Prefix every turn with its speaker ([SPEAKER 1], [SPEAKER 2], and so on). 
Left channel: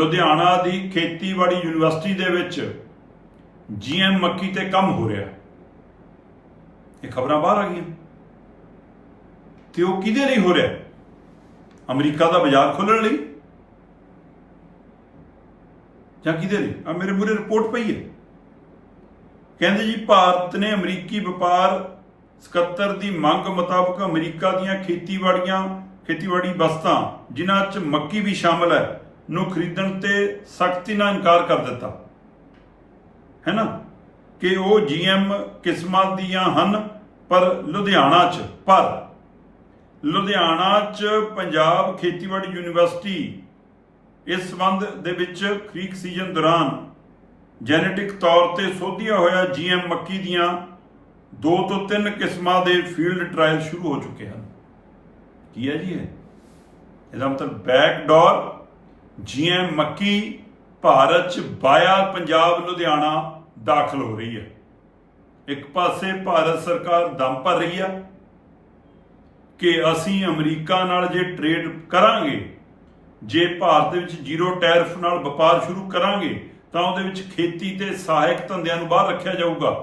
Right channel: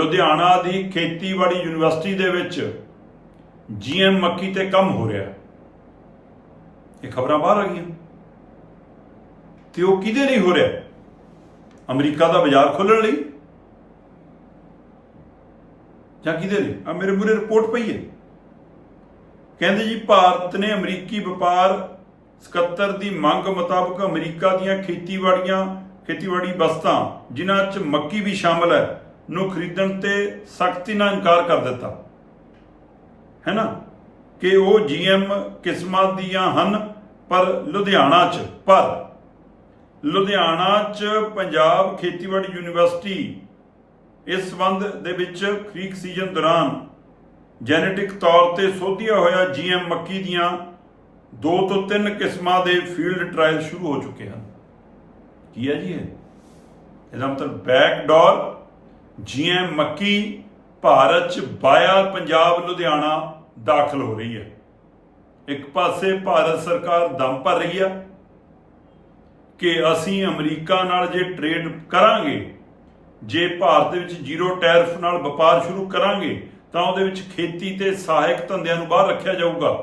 [SPEAKER 1] ਲੁਧਿਆਣਾ ਦੀ ਖੇਤੀਬਾੜੀ ਯੂਨੀਵਰਸਿਟੀ ਦੇ ਵਿੱਚ ਜੀਐਮ ਮੱਕੀ ਤੇ ਕੰਮ ਹੋ ਰਿਹਾ। ਇਹ ਖਬਰਾਂ ਬਾਹਰ ਆ ਗਈਆਂ। ਤੇ ਉਹ ਕਿਹਦੇ ਲਈ ਹੋ ਰਿਹਾ? ਅਮਰੀਕਾ ਦਾ ਬਾਜ਼ਾਰ ਖੋਲਣ ਲਈ? ਜਾਂ ਕਿਹਦੇ ਲਈ? ਆ ਮੇਰੇ ਮੂਰੇ ਰਿਪੋਰਟ ਪਈ ਹੈ। ਕਹਿੰਦੇ ਜੀ, ਭਾਰਤ ਨੇ ਅਮਰੀਕੀ ਵਪਾਰ ਸਕੱਤਰ ਦੀ ਮੰਗ ਮੁਤਾਬਕ ਅਮਰੀਕਾ ਦੀਆਂ ਖੇਤੀਬਾੜੀਆਂ, ਖੇਤੀਬਾੜੀ ਵਸਤਾਂ ਜਿਨ੍ਹਾਂ 'ਚ ਮੱਕੀ ਵੀ ਸ਼ਾਮਲ ਹੈ ਨੂੰ ਖਰੀਦਣ ਤੇ ਸਖਤੀ ਨਾਲ ਇਨਕਾਰ ਕਰ ਦਿੱਤਾ। ਹੈ ਨਾ? ਕਿ ਉਹ ਜੀਐਮ ਕਿਸਮਾਂ ਦੀਆਂ ਹਨ, ਪਰ ਲੁਧਿਆਣਾ 'ਚ, ਪਰ ਲੁਧਿਆਣਾ 'ਚ ਪੰਜਾਬ ਖੇਤੀਬਾੜੀ ਯੂਨੀਵਰਸਿਟੀ ਇਸ ਸੰਬੰਧ ਦੇ ਵਿੱਚ ਖਰੀਕ ਸੀਜ਼ਨ ਦੌਰਾਨ ਜੈਨੇਟਿਕ ਤੌਰ ਤੇ ਸੋਧਿਆ ਹੋਇਆ ਜੀਐਮ ਮੱਕੀ ਦੀਆਂ ਦੋ ਤੋਂ ਤਿੰਨ ਕਿਸਮਾਂ ਦੇ ਫੀਲਡ ਟ੍ਰਾਇਲ ਸ਼ੁਰੂ ਹੋ ਚੁੱਕੇ ਹਨ। ਕੀ ਹੈ ਜੀ ਇਹ? ਇਹਦਾ ਮਤਲਬ ਬੈਕਡੋਰ ਜੀਐਮ ਮੱਕੀ ਭਾਰਤ ਚ ਬਾਇਆ ਪੰਜਾਬ ਲੁਧਿਆਣਾ ਦਾਖਲ ਹੋ ਰਹੀ ਹੈ। ਇੱਕ ਪਾਸੇ ਭਾਰਤ ਸਰਕਾਰ ਦਮ ਭਰ ਰਹੀ ਆ ਕਿ ਅਸੀਂ ਅਮਰੀਕਾ ਨਾਲ ਜੇ ਟ੍ਰੇਡ ਕਰਾਂਗੇ, ਜੇ ਭਾਰਤ ਵਿੱਚ ਜ਼ੀਰੋ ਟੈਰਿਫ ਨਾਲ ਵਪਾਰ ਸ਼ੁਰੂ ਕਰਾਂਗੇ, ਤਾਂ ਉਹਦੇ ਵਿੱਚ ਖੇਤੀ ਤੇ ਸਹਾਇਕ ਧੰਦਿਆਂ ਨੂੰ ਬਾਹਰ ਰੱਖਿਆ ਜਾਊਗਾ।